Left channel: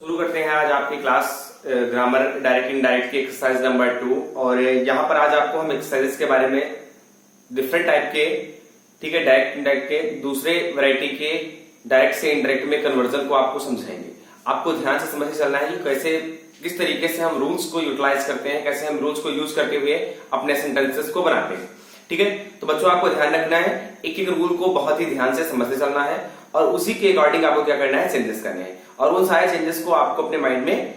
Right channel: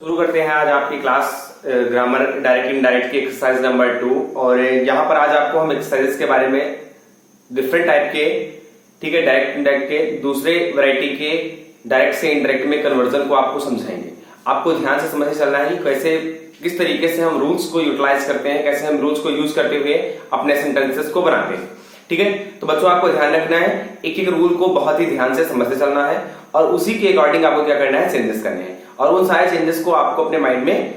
शुरू करते हैं आज आपकी क्लास ग्रामर डायरेक्ट इनडायरेक्ट की एक्सरसाइज नंबर 2। और यहाँ पर आज आपको हम एक्सरसाइजेस के बारे में डिफरेंट टाइप के, ठीक है, डायरेक्ट इनडायरेक्ट के दूसरे वैरायटी के डायरेक्ट से इनडायरेक्ट में कन्वर्जन को आपको समझाएंगे। आपको ध्यान से समझ चलना है कि कैसे किस तरीके से हम रूल्स को यूटिलाइज करते हैं, कैसे हम रूल्स को यूज करते हुए अपने सेंटेंसेस को बनाते हैं। ठीक है, तो बच्चों आपको ध्यान रखना है, एक एक रूल को बहुत ही ध्यान से समझते चलना है और उसी के अकॉर्डिंग आपको क्या करना है, चेंजेस करने हैं। और उन सारे चेंजेस को आपको अपने माइंड में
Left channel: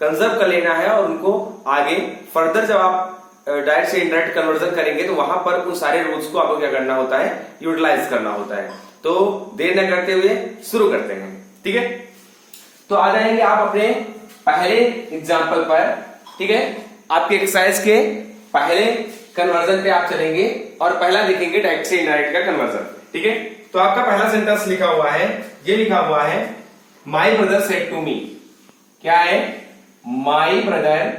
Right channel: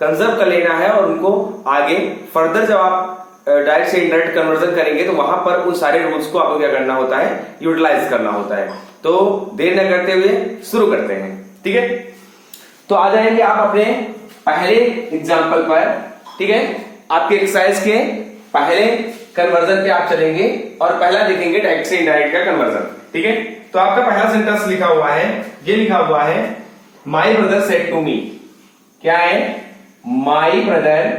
कंजर्व कर लेना है और उनको आगे फर्दर जब आप डायरेक्ट से इनडायरेक्ट कन्वर्जन करेंगे तो वहां पर उन सारे रूल्स को आपको क्या करना होता है, यूटिलाइज करना होता है। तो देर न करते हुए शुरू करते हैं। ठीक है, तो आ जाएंगे आप अपने पहले एग्जाम्पल पर। ठीक है, आपके एक्सरसाइज के पहले कन्वर्जन पे आप चलेंगे और पहला देखेंगे डायरेक्ट से इनडायरेक्ट का कन्वर्जन। ठीक है, तो आपका पहला सेंटेंस लिखा हुआ है, ये लिखा हुआ है my brother said to me. क्या है? My brother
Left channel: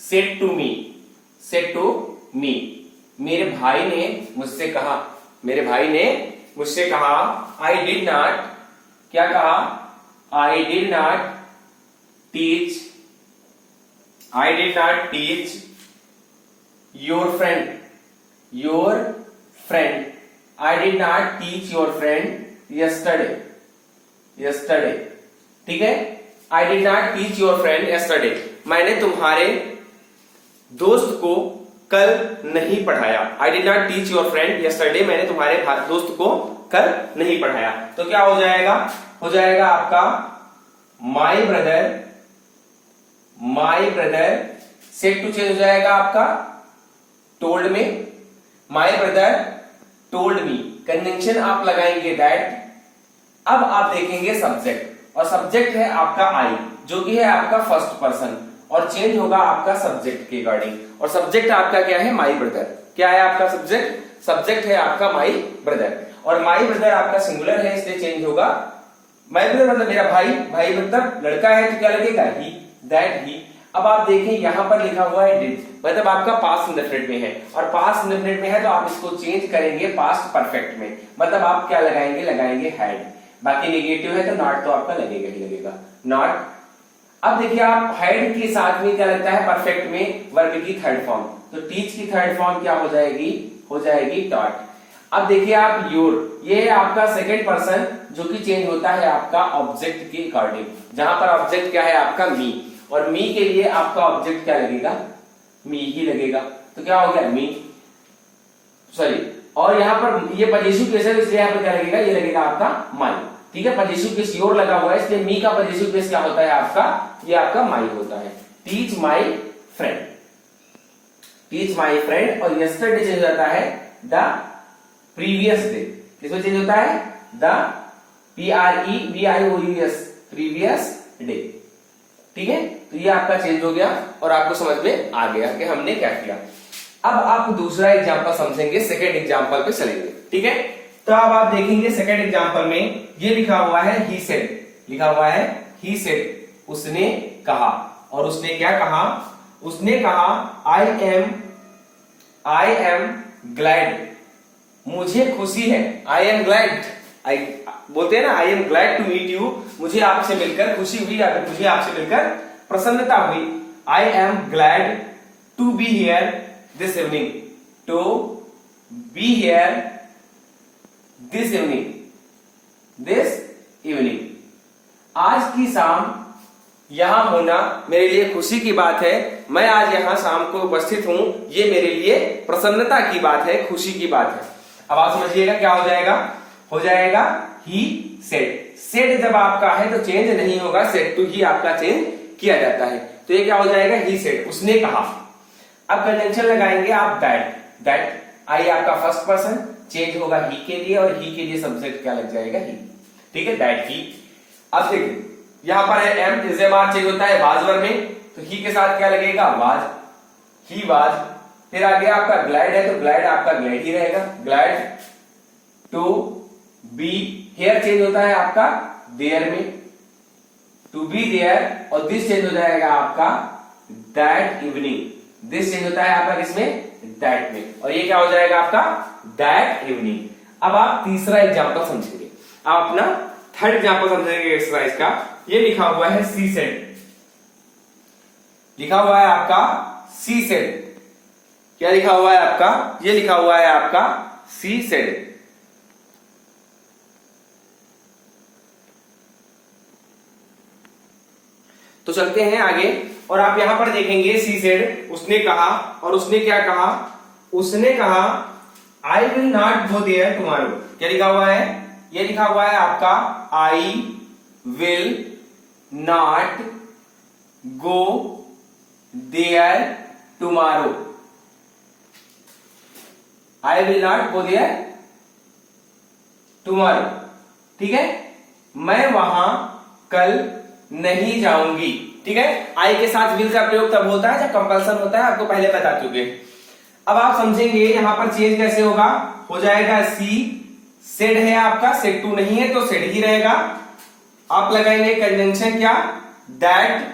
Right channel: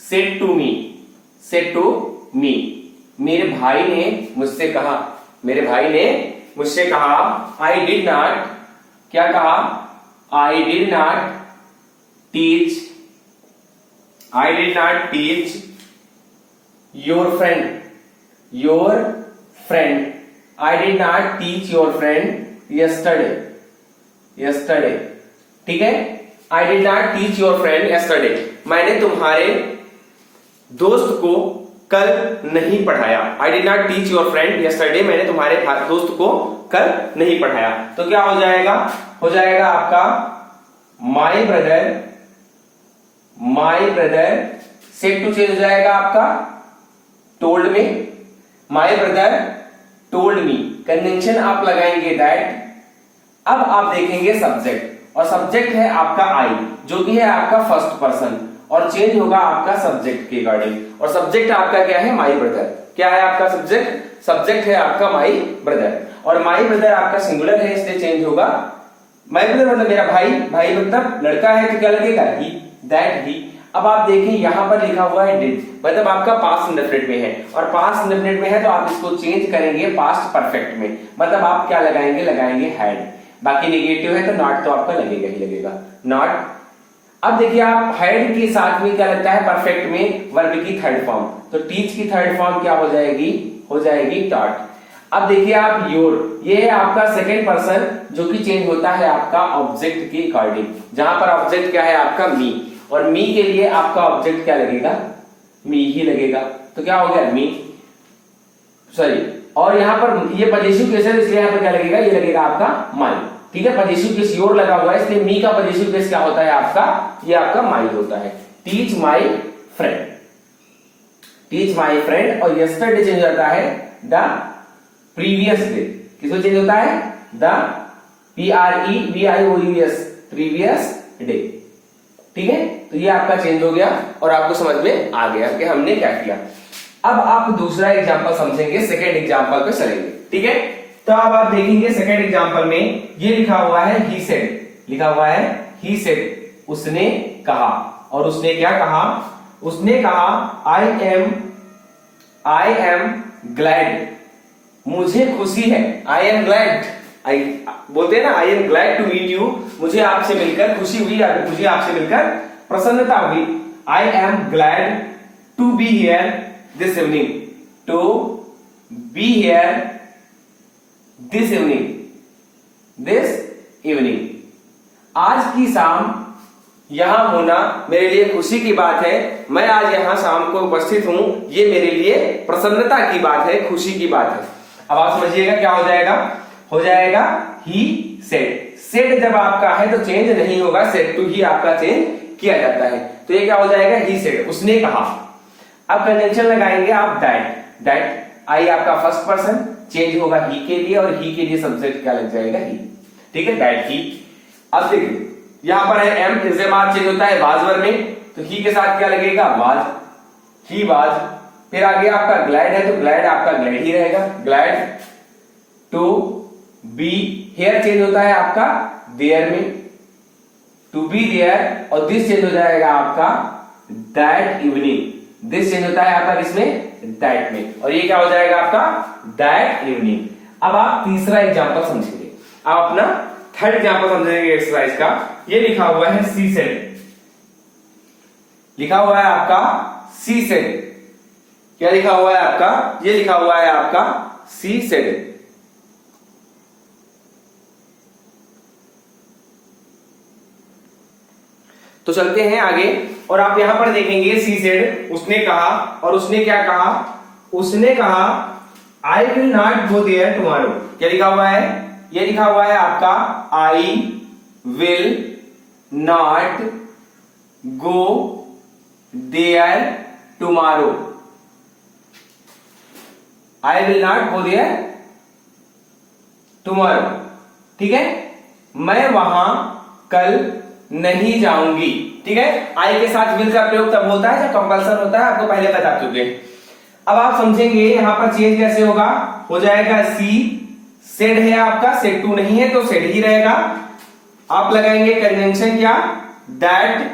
said to me, said to me, मेरे भाई ने मुझसे कहा, मेरे भाई ने मुझसे कहा। आई डिड नॉट, क्या कहा? I did not teach, I did not teach your friend, your friend, I did not teach your friend yesterday, yesterday. ठीक है, I did not teach your friend yesterday, मैंने तुम्हारे दोस्त को कल नहीं पढ़ाया। I did not teach your friend yesterday, मैंने तुम्हारे दोस्त को कल नहीं पढ़ाया। तो क्या हो जाएगा? हो जाएगा आपका my brother, my brother said to change हो जाएगा आपका टोल्ड में। My brother told me, conjunction आप लगाएंगे दैट। अब आप देखेंगे सब्जेक्ट, और सब्जेक्ट है आपका आई, जो कि है आपका फर्स्ट पर्सन, और चेंज होगा आपका सब्जेक्ट के अकॉर्डिंग। और सब्जेक्ट आपका क्या है? My brother. क्या है आपका सब्जेक्ट? सब्जेक्ट है आपका माई ब्रदर, और माई ब्रदर आपका सिंगुलर है इसलिए चेंज होगा माई ब्रदर मतलब मेरा भाई, भाई मतलब लड़का है तो क्या लगेगा? ही, दैट ही। अब आप देखें यहां पर लिखा हुआ है डिड, मतलब आपका पास्ट इंडेफिनिट में है, और पास्ट इंडेफिनिट में है तो आप इसको चेंज करेंगे पास्ट परफेक्ट में, मतलब आप क्या लगाएंगे? लगाएंगे हैड। बाकी नेगेटिव है तो नॉट तो आपका लगेगा ही लगेगा, नॉट। अब देखिए आप हैड के साथ में क्या लगता है परफेक्ट में? वर्ब की थर्ड फॉर्म, तो टीच की थर्ड फॉर्म क्या हो जाएगी? हो जाएगी टॉट। अब देखिए आप योर, ये है आपका सेकेंड पर्सन जो कि चेंज होता है आपका ऑब्जेक्ट के अकॉर्डिंग, जहां पर ऑब्जेक्ट क्या है आपका? मी, और मी के लिए आपका ऑब्जेक्ट क्या लगेगा? मी ही लगेगा। तो क्या हो गया? मी, सॉरी, और यहां पर ये पजेसिव केस है इसलिए यहां पर क्या लगेगा? ये लगेगा आपका माई। ठीक है, पजेसिव केस योर लगा हुआ है इसलिए मी का पजेसिव केस क्या होता है आपका? ये आपका माई होता है। Teach my friend, teach my friend, और यस्टरडे चेंज होता है द प्रीवियस डे। किसको चेंज होता है? The PREVIOUS, previous day. ठीक है, तो ये आपका चेंज हो गया और आपको समझ में आ गया कि हमने क्या किया। अब आप दूसरा एग्जांपल समझेंगे, सेकेंड एग्जांपल पे चलेंगे। ठीक है, तो अब आप देखेंगे सेकेंड एग्जांपल में ये लिखा हुआ है ही सेड, लिखा हुआ है ही सेड, उसने कहा। और उसने क्या कहा? उसने कहा आई एम ग्लैड, मुझे खुशी है। आई एम ग्लैड, आई बोलते हैं ना, I am glad to meet you, मुझे आपसे मिलकर खुशी हुई, मुझे आपसे मिलकर प्रसन्नता हुई। I am glad to be here this evening, to be here this evening, this evening. आज की शाम यहां होना मेरे लिए खुशी की बात है, मैं आज यहां शाम को उपस्थित हूं, ये मेरे लिए प्रसन्नता की बात है, खुशी की बात है। अब आप समझिएगा क्या हो जाएगा? हो जाएगा ही सेड। सेड जब आपका है तो चेंज नहीं होगा, सेड टू ही आपका चेंज किया जाता है, तो ये क्या हो जाएगा? ही सेड, उसने कहा। अब कंजंक्शन लगाएंगे आप दैट, दैट आई आपका फर्स्ट पर्सन चेंज होगा ही के लिए, और ही के लिए सब्जेक्ट क्या लग जाएगा? ही। ठीक है, दैट ही। अब देखिए यहां पर है एम इज चेंज होता है वाज वर्ब में, तो ही के साथ क्या लगेगा? Was, he was. फिर आगे आपका ग्लैड है तो ग्लैड आपका ग्लैड ही रहेगा, glad to be. Here change होता है आपका देयर में, टू बी देयर, और दिस चेंज हो जाएगा आपका दैट इवनिंग, दिस चेंज होता है आपका किसमें? दैट में, और ये क्या हो जाएगा आपका? That evening. अब आप तीसरा एग्जांपल समझेंगे, आप अपना थर्ड एग्जांपल समझेंगे एक्सरसाइज का। ये लिखा हुआ है सी सेड, लिखा हुआ है आपका सी सेड। क्या लिखा हुआ है आपका? ये लिखा हुआ है आपका सी सेड। तो चलते हैं आगे और आप यहां पर देखेंगे सी सेड, उसने कहा, और उसने क्या कहा? उसने कहा I will not go there tomorrow. क्या लिखा हुआ है? ये लिखा हुआ है आपका I will not go there tomorrow. I will not go there tomorrow, ठीक है, मैं वहां कल नहीं जाऊंगी। ठीक है, आई के साथ विल का प्रयोग तब होता है जब कंपल्सन होता है, आपको पहले बता चुके हैं। अब आप समझेंगे यहां पर चेंज कैसे होगा। हो जाएगा सी सेड है आपका, सेड टू नहीं है तो सेड ही रहेगा। आप लगाएंगे कंजंक्शन क्या? दैट।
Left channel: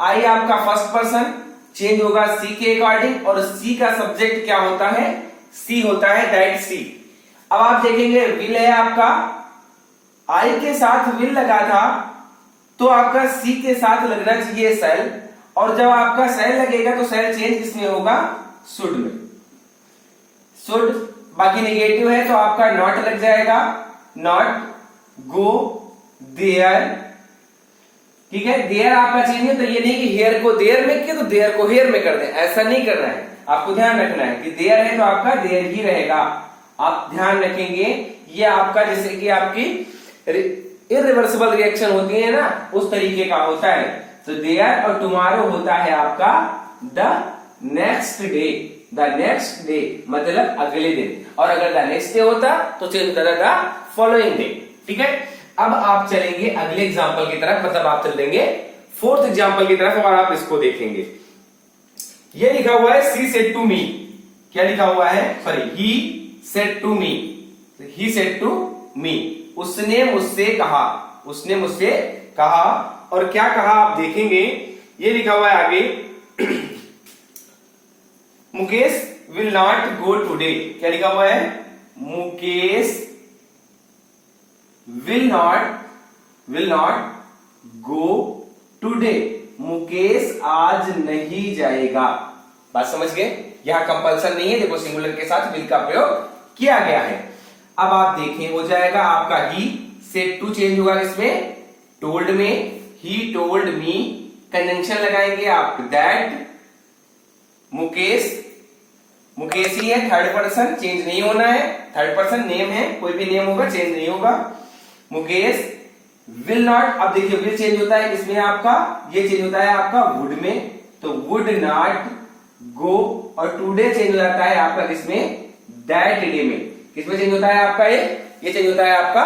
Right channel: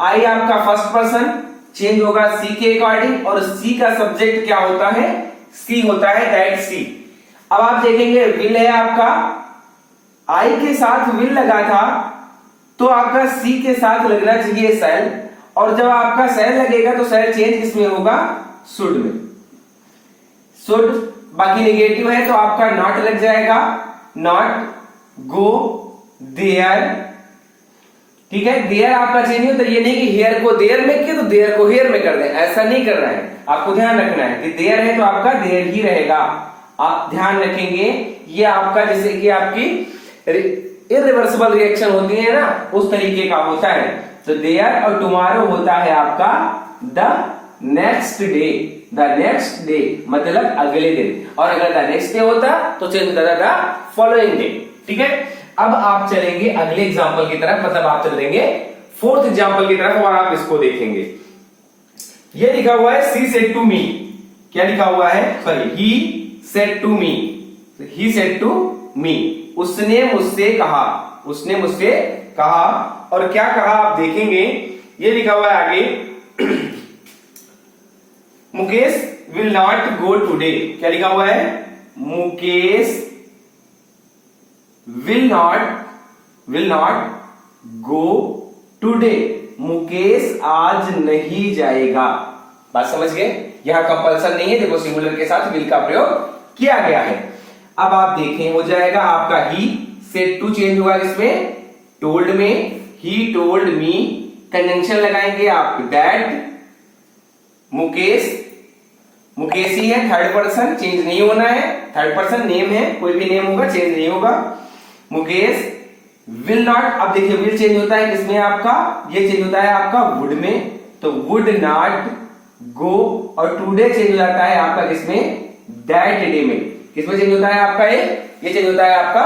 आई आपका फर्स्ट पर्सन, चेंज होगा सी के अकॉर्डिंग, और सी का सब्जेक्ट क्या होता है? सी होता है, दैट सी। अब आप देखेंगे विल है आपका, आई के साथ विल लगा था तो आपका सी के साथ लगना चाहिए सेल, और जब आपका सेल लगेगा तो सेल चेंज किसमें होगा? शुड में। शुड बाकी नेगेटिव है तो आपका नॉट लग जाएगा, नॉट गो देयर। ठीक है, देयर आपका चेंज हो तो ये नहीं कि हेयर को देयर में किया तो देयर को हेयर में कर दें, ऐसा नहीं करना है। आपको ध्यान रखना है कि देयर है तो आपका देयर ही रहेगा। आप ध्यान रखेंगे ये आपका जैसे कि आपकी इरिवर्सिबल रिएक्शन होती है ना, उस तरीके का होता है। तो देयर और टुमारो होता है आपका the next day. The next day मतलब अगले दिन, और अगर द नेक्स्ट डे होता तो चेंज होता था द फॉलोइंग डे। ठीक है, अब आप चलेंगे अगले एग्जाम्पल की तरफ, मतलब आप चल देंगे फोर्थ एग्जाम्पल की तरफ और आप इसको देखेंगे। ये लिखा हुआ है सी सेड टू मी। क्या लिखा हुआ है? Sorry, he said to me. He said to me, उसने मुझसे कहा। उसने मुझसे कहा, और क्या कहा आप देखेंगे। ये लिखा हुआ है आगे Mukesh will not go today. क्या लिखा हुआ है? Mukesh will not go today. Mukesh आज नहीं जाएगा। बात समझ गए? यहां कंपल्सन नहीं है, देखो सिंगुलर के साथ विल का प्रयोग किया गया है। अब आप देखें, हो जाएगा आपका ही सेड टू, चेंज होगा किसमें? टोल्ड में। ही टोल्ड मी, कंजंक्शन लगाएंगे आप दैट। मुकेश, मुकेश ही है, थर्ड पर्सन, चेंज नहीं होना है। थर्ड पर्सन नेम है, कोई भी नेम होगा चेंज नहीं होगा। मुकेश विल नॉट, अब देखिए विल चेंज होता है किसमें आपका? ये चेंज होता है आपका वुड में, तो वुड नॉट गो, और टुडे चेंज हो जाता है आपका किसमें? दैट डे में। किसमें चेंज होता है आपका? ये चेंज होता है आपका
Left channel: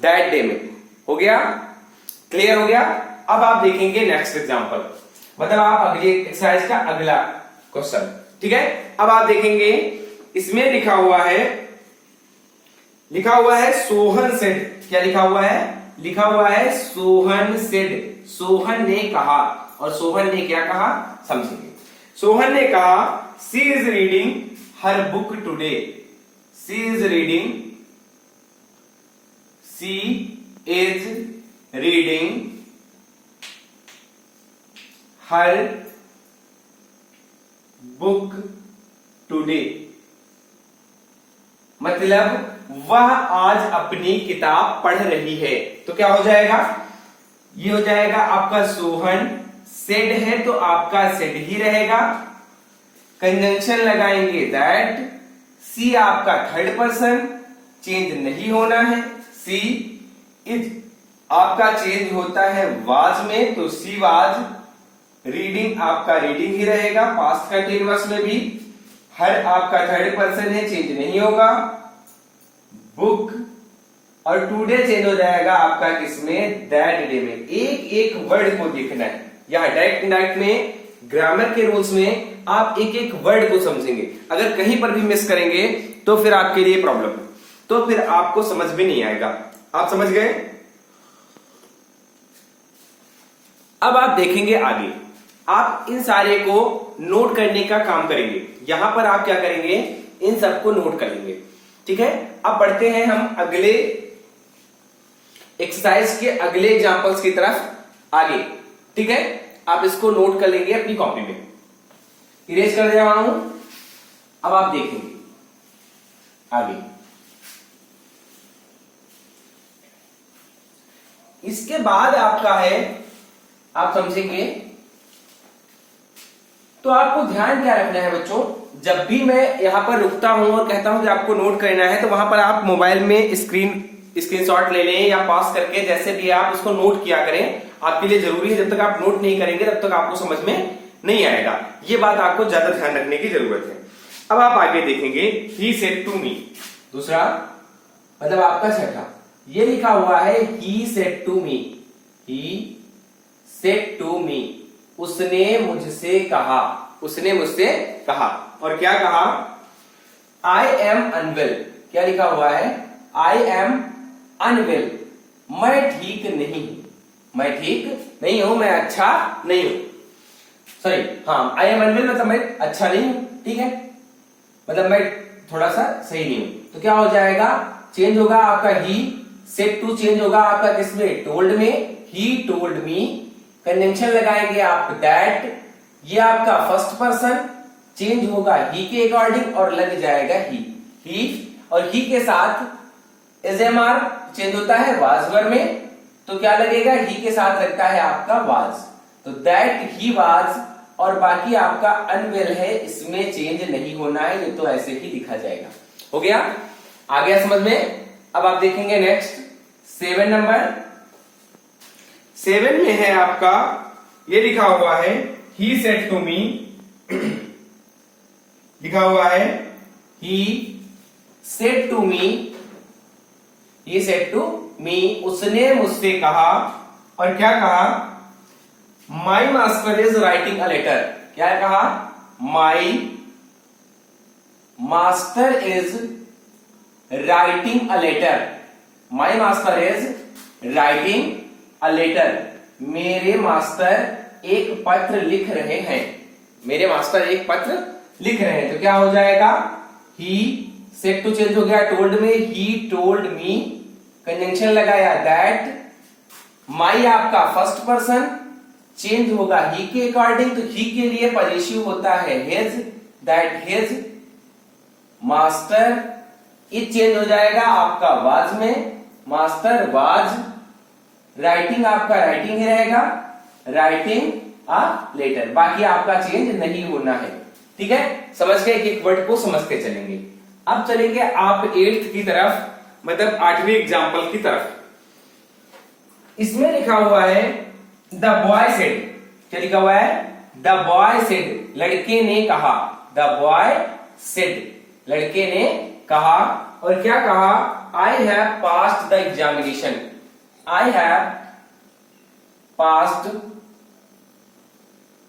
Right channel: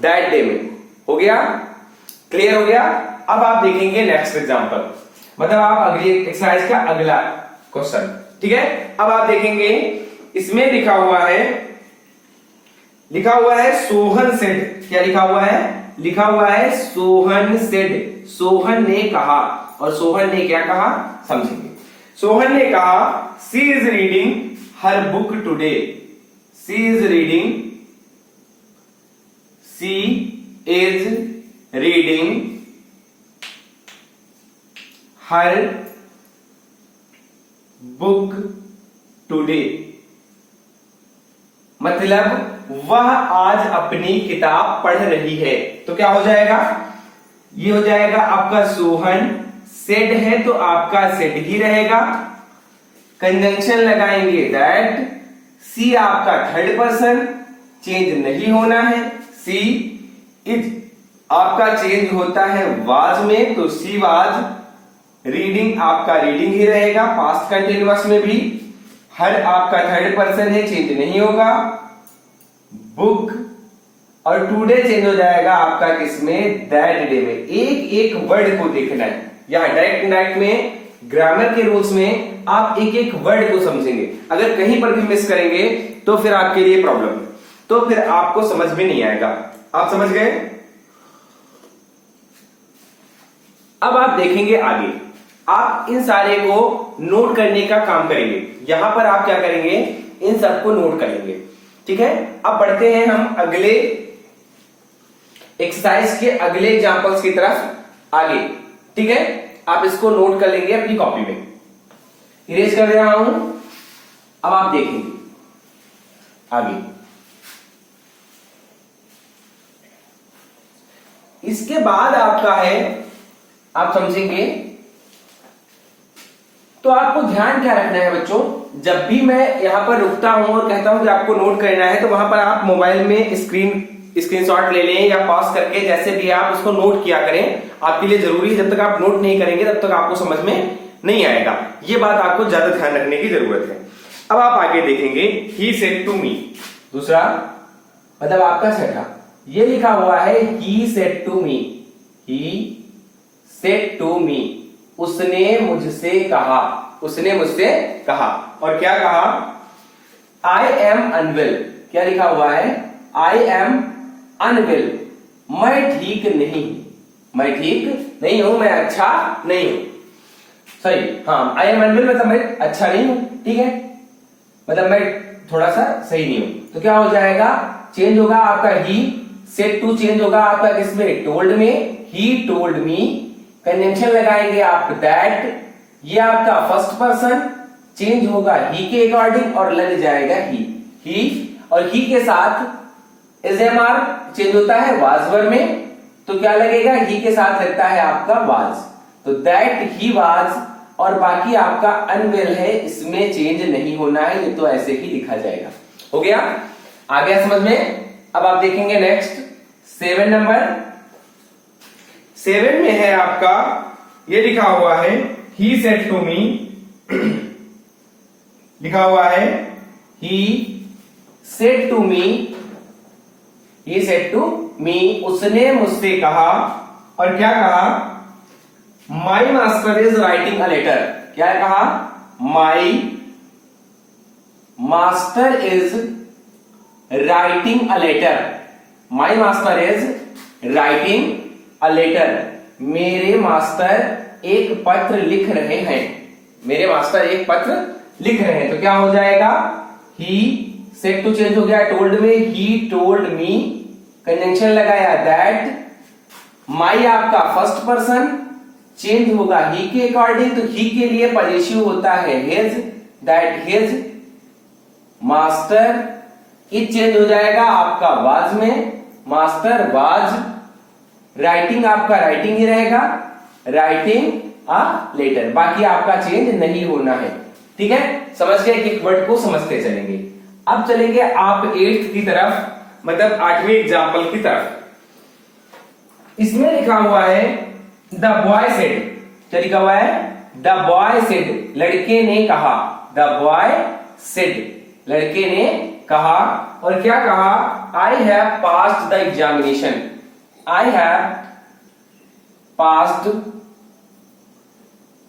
दैट डे में। हो गया? क्लियर हो गया? अब आप देखेंगे नेक्स्ट एग्जांपल, मतलब आप अगली एक्सरसाइज का अगला क्वेश्चन। ठीक है, अब आप देखेंगे इसमें लिखा हुआ है सोहन सेड। क्या लिखा हुआ है? लिखा हुआ है सोहन सेड। सोहन ने कहा, और सोहन ने क्या कहा समझेंगे। सोहन ने कहा she is reading her book today. She is reading her book today, मतलब वह आज अपनी किताब पढ़ रही है। तो क्या हो जाएगा? ये हो जाएगा आपका सोहन, सेड है तो आपका सेड ही रहेगा। कंजंक्शन लगाएंगे दैट। सी आपका थर्ड पर्सन, चेंज नहीं होना है। सी इज आपका चेंज होता है वाज में, तो सी वाज। रीडिंग आपका रीडिंग ही रहेगा, पास्ट कंटिन्यूअस में भी। हर आपका थर्ड पर्सन है, चेंज नहीं होगा। बुक और टुडे चेंज हो जाएगा आपका किसमें? दैट डे में। एक एक वर्ड को देखना है यहां डायरेक्ट में, ग्रामर के रूल्स में आप एक एक वर्ड को समझेंगे। अगर कहीं पर भी मिस करेंगे तो फिर आपके लिए प्रॉब्लम है, तो फिर आपको समझ में नहीं आएगा। आप समझ गए? अब आप देखेंगे आगे, आप इन सारे को नोट करने का काम करेंगे। यहां पर आप क्या करेंगे? इन सबको नोट करेंगे। ठीक है, अब बढ़ते हैं हम अगले एक्सरसाइज के अगले एग्जांपल्स की तरफ आगे। ठीक है, आप इसको नोट कर लेंगे अपनी कॉपी में। इरेज कर रहा हूं, अब आप देखेंगे आगे। इसके बाद आपका है, आप समझेंगे तो आपको ध्यान क्या रखना है बच्चों, जब भी मैं यहां पर रुकता हूं और कहता हूं कि आपको नोट करना है, तो वहां पर आप मोबाइल में स्क्रीनशॉट ले लें या पॉज करके जैसे भी आप उसको नोट किया करें। आपके लिए जरूरी है, जब तक आप नोट नहीं करेंगे तब तक आपको समझ में नहीं आएगा। ये बात आपको ज्यादा ध्यान रखने की जरूरत है। अब आप आगे देखेंगे, ही सेड टू मी, दूसरा मतलब आपका छठा, ये लिखा हुआ है he said to me, he said to me, उसने मुझसे कहा, उसने मुझसे कहा। और क्या कहा, आई एम अनवेल, क्या लिखा हुआ है, आई एम अनवेल, मैं ठीक नहीं, मैं ठीक नहीं हूं, मैं अच्छा नहीं हूं, सॉरी, हाँ, आई एम अनवेल मतलब मैं अच्छा नहीं हूं, ठीक है, मतलब मैं थोड़ा सा सही नहीं हूं। तो क्या हो जाएगा, चेंज होगा आपका ही, सेड टू चेंज होगा आपका किसमें, टोल्ड में, ही टोल्ड मी, कंजंक्शन लगाएंगे आप दैट, ये आपका फर्स्ट पर्सन, चेंज होगा ही के अकॉर्डिंग और लग जाएगा ही, और ही के साथ एसएमआर चेंज होता है वाज में, तो क्या लगेगा, ही के साथ लगता है आपका वाज, तो दैट ही वाज, और बाकी आपका अनवेल है, इसमें चेंज नहीं होना है, ये तो ऐसे ही लिखा जाएगा। हो गया, आ गया समझ में। अब आप देखेंगे नेक्स्ट 7 नंबर, 7 में है आपका, ये लिखा हुआ है ही सेड टू मी, लिखा हुआ है he said to me, he said to me, उसने मुझसे कहा, और क्या कहा, my master is writing a letter, क्या कहा, my master is writing a letter, my master is writing a letter, मेरे मास्टर एक पत्र लिख रहे हैं, मेरे मास्टर एक पत्र लिख रहे हैं। तो क्या हो जाएगा, ही सेड टू चेंज हो गया टोल्ड में, ही टोल्ड मी, कंजंक्शन लगाया दैट, माई आपका फर्स्ट पर्सन, चेंज होगा ही के अकॉर्डिंग, तो ही के लिए पॉजिटिव होता है his, that his master, is change हो जाएगा आपका वाज में, मास्टर वाज, राइटिंग आपका राइटिंग ही रहेगा, राइटिंग अ लेटर, बाकी आपका चेंज नहीं होना है। ठीक है, समझ गए, एक वर्ड को समझते चलेंगे। अब चलेंगे आप 8th की तरफ, मतलब 8वें एग्जाम्पल की तरफ। इसमें लिखा हुआ है द बॉय सेड, क्या लिखा हुआ है, द बॉय सेड, लड़के ने कहा, द बॉय सेड, लड़के ने कहा, और क्या कहा, I have passed the examination, I have passed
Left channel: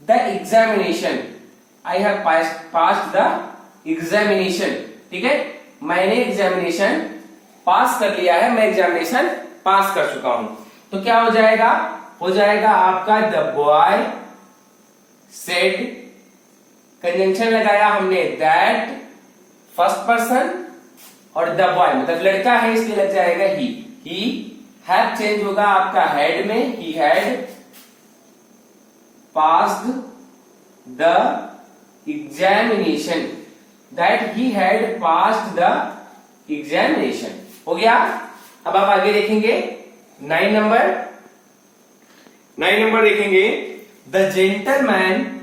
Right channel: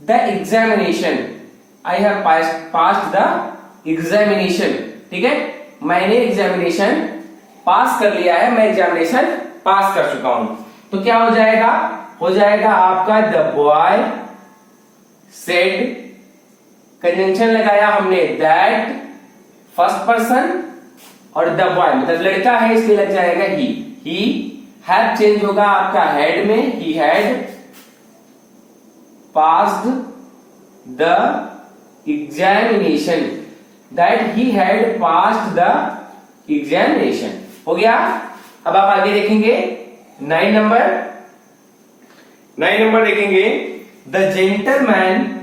the examination, I have passed the examination, ठीक है, मैंने एग्जामिनेशन पास कर लिया है, मैं एग्जामिनेशन पास कर चुका हूं। तो क्या हो जाएगा, हो जाएगा आपका द बॉय सेड, कंजंक्शन लगाया हमने दैट, फर्स्ट पर्सन, और द बॉय मतलब लड़का है इसलिए लग जाएगा ही हैव चेंज होगा आपका हेड में, he had passed the examination, that he had passed the examination. हो गया। अब आप आगे देखेंगे 9 नंबर, 9 नंबर देखेंगे, the gentleman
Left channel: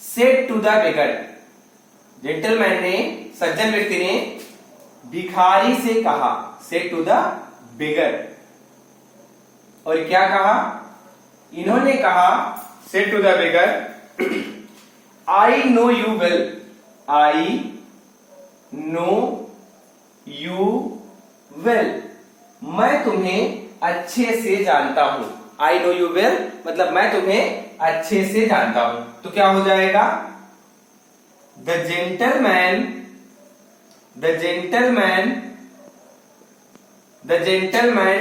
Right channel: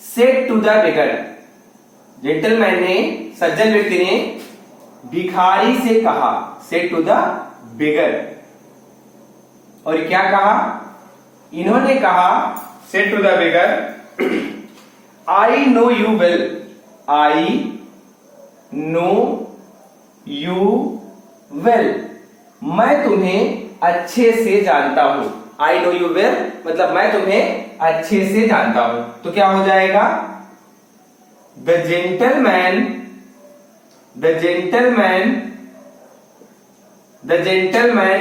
said to the beggar, gentleman ने, सज्जन व्यक्ति ने भिखारी से कहा, सेड टू द बेगर, और क्या कहा, इन्होंने कहा, said to the beggar, I know you well, I know you well, मैं तुम्हें अच्छे से जानता हूं, आई नो यू वेल मतलब मैं तुम्हें अच्छे से जानता हूं। तो क्या हो जाएगा, the gentleman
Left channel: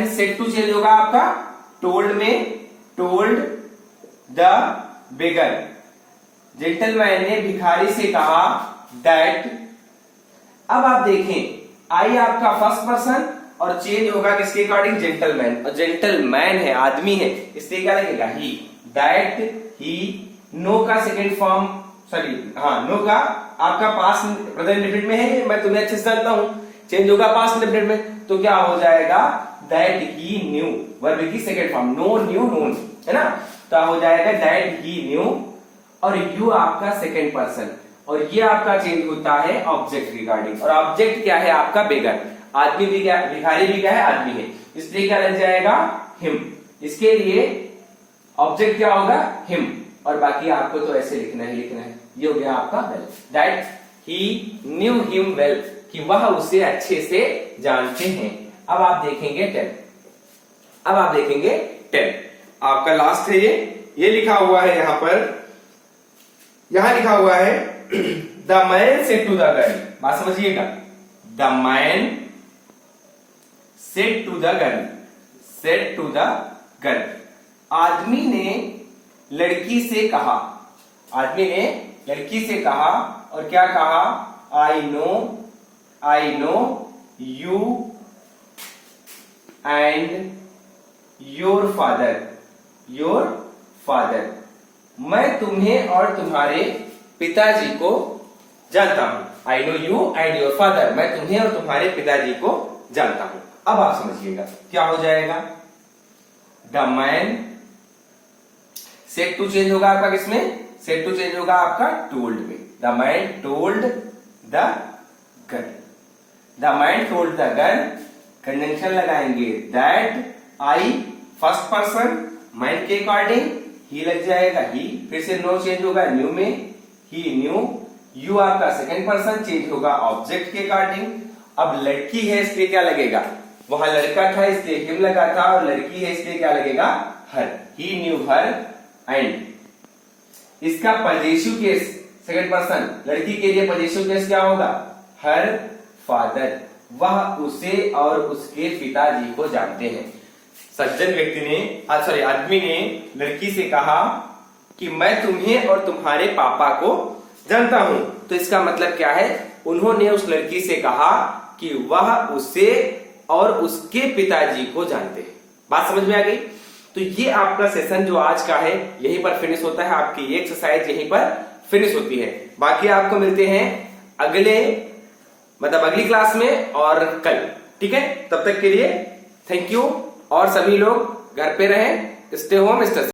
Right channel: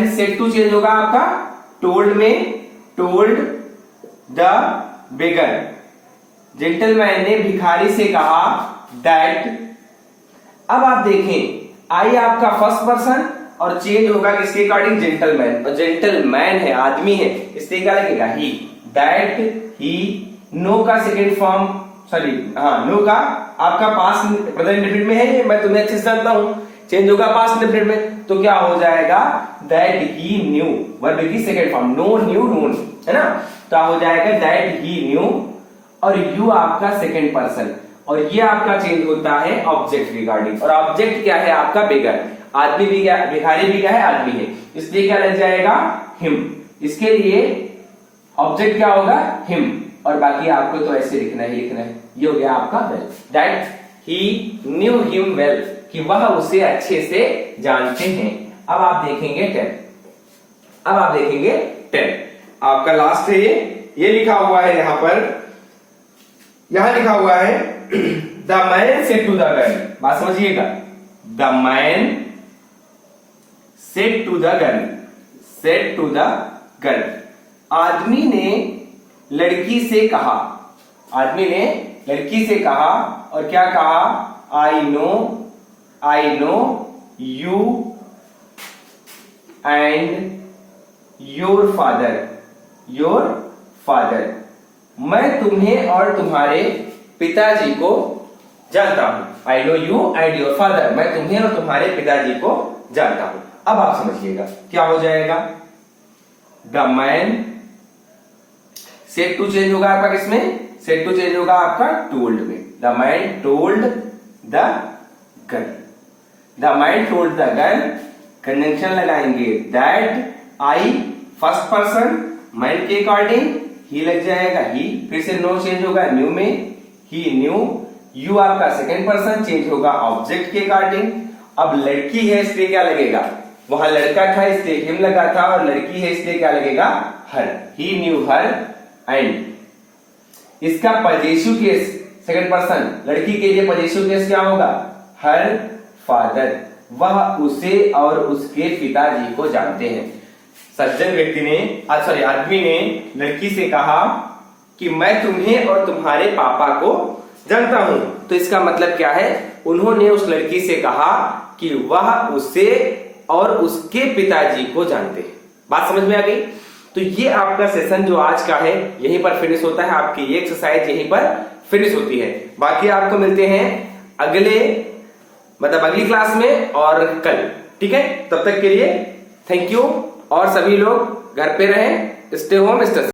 said to change होगा आपका टोल्ड में, टोल्ड द बेगर, जेंटलमैन ने भिखारी से कहा दैट। अब आप देखें, आई आपका फर्स्ट पर्सन और चेंज होगा किसके अकॉर्डिंग, जेंटलमैन, और जेंटलमैन है, आदमी है, इसलिए क्या लगेगा ही। दैट ही, नो का सेकेंड फॉर्म, सॉरी हाँ नो का आपका पास्ट प्रेजेंट इंडेफिनिट में है, मैं तुम्हें अच्छे से जानता हूं, चेंज होगा पास्ट इंडेफिनिट में, तो क्या हो जाएगा दैट ही न्यू, वर्ब की second form, know knew known, है ना, तो हो जाएगा दैट ही न्यू, और यू आपका सेकेंड पर्सन, और ये आपका चेंज होता है ऑब्जेक्ट रिगार्डिंग, और ऑब्जेक्ट क्या है आपका बेगर, आदमी भी क्या, भिखारी भी क्या है, आदमी है, इसलिए क्या लग जाएगा हिम, इसके लिए ऑब्जेक्ट क्या होगा हिम, और बाकी आपको तो ऐसे लिखना ही लिखना है, ये हो गया आपका well, that he knew him well, कि वह उसे अच्छे से जानते हैं। अब आप देखेंगे 10, अब आप देखेंगे 10, आपका लास्ट है ये लिखा हुआ है यहां पर, यहां लिखा हुआ है the man said to the girl, बात समझिएगा, the man said to the girl, said to the girl, आदमी ने लड़की से कहा, आदमी ने लड़की से कहा, और क्या कहा, आई know you and your father, मैं तुम्हें और तुम्हारे पिताजी को जानता हूं, आई know you and your father, मैं तुम्हें और तुम्हारे पिताजी को जानता हूं। अब आप समझिएगा क्या हो जाएगा, the man, said to change होगा आपका किसमें, सेड टू चेंज होगा आपका टोल्ड में, the man told the girl, the man told the girl, conjunction लगाएंगे that, I first person, man के अकॉर्डिंग ही लग जाएगा ही, फिर से नो चेंज होगा न्यू में, ही न्यू, यू आपका सेकेंड पर्सन, चेंज होगा ऑब्जेक्ट के अकॉर्डिंग, अब लड़की है इसलिए क्या लगेगा, वहां लड़का था इसलिए हिम लगा था, और लड़की है इसलिए क्या लगेगा हर, ही न्यू हर, एंड इसका पजेसिव केस सेकंड पर्सन, लड़की के लिए पजेसिव केस क्या होगा, हर फादर, वह उसे और उसके पिताजी को जानते हैं। सज्जन व्यक्ति ने, सॉरी आदमी ने लड़की से कहा कि मैं तुम्हें और तुम्हारे पापा को जानता हूं, तो इसका मतलब क्या है, उन्होंने उस लड़की से कहा कि वह उसे और उसके पिताजी को जानते हैं। बात समझ में आ गई। तो ये आपका सेशन जो आज का है यहीं पर फिनिश होता है, आपकी ये एक्सरसाइज यहीं पर फिनिश होती है। बाकी आपको मिलते हैं अगले अगली क्लास में और कल, ठीक है। तब तक के लिए थैंक यू, और सभी लोग घर पे रहें, स्टे होम स्टे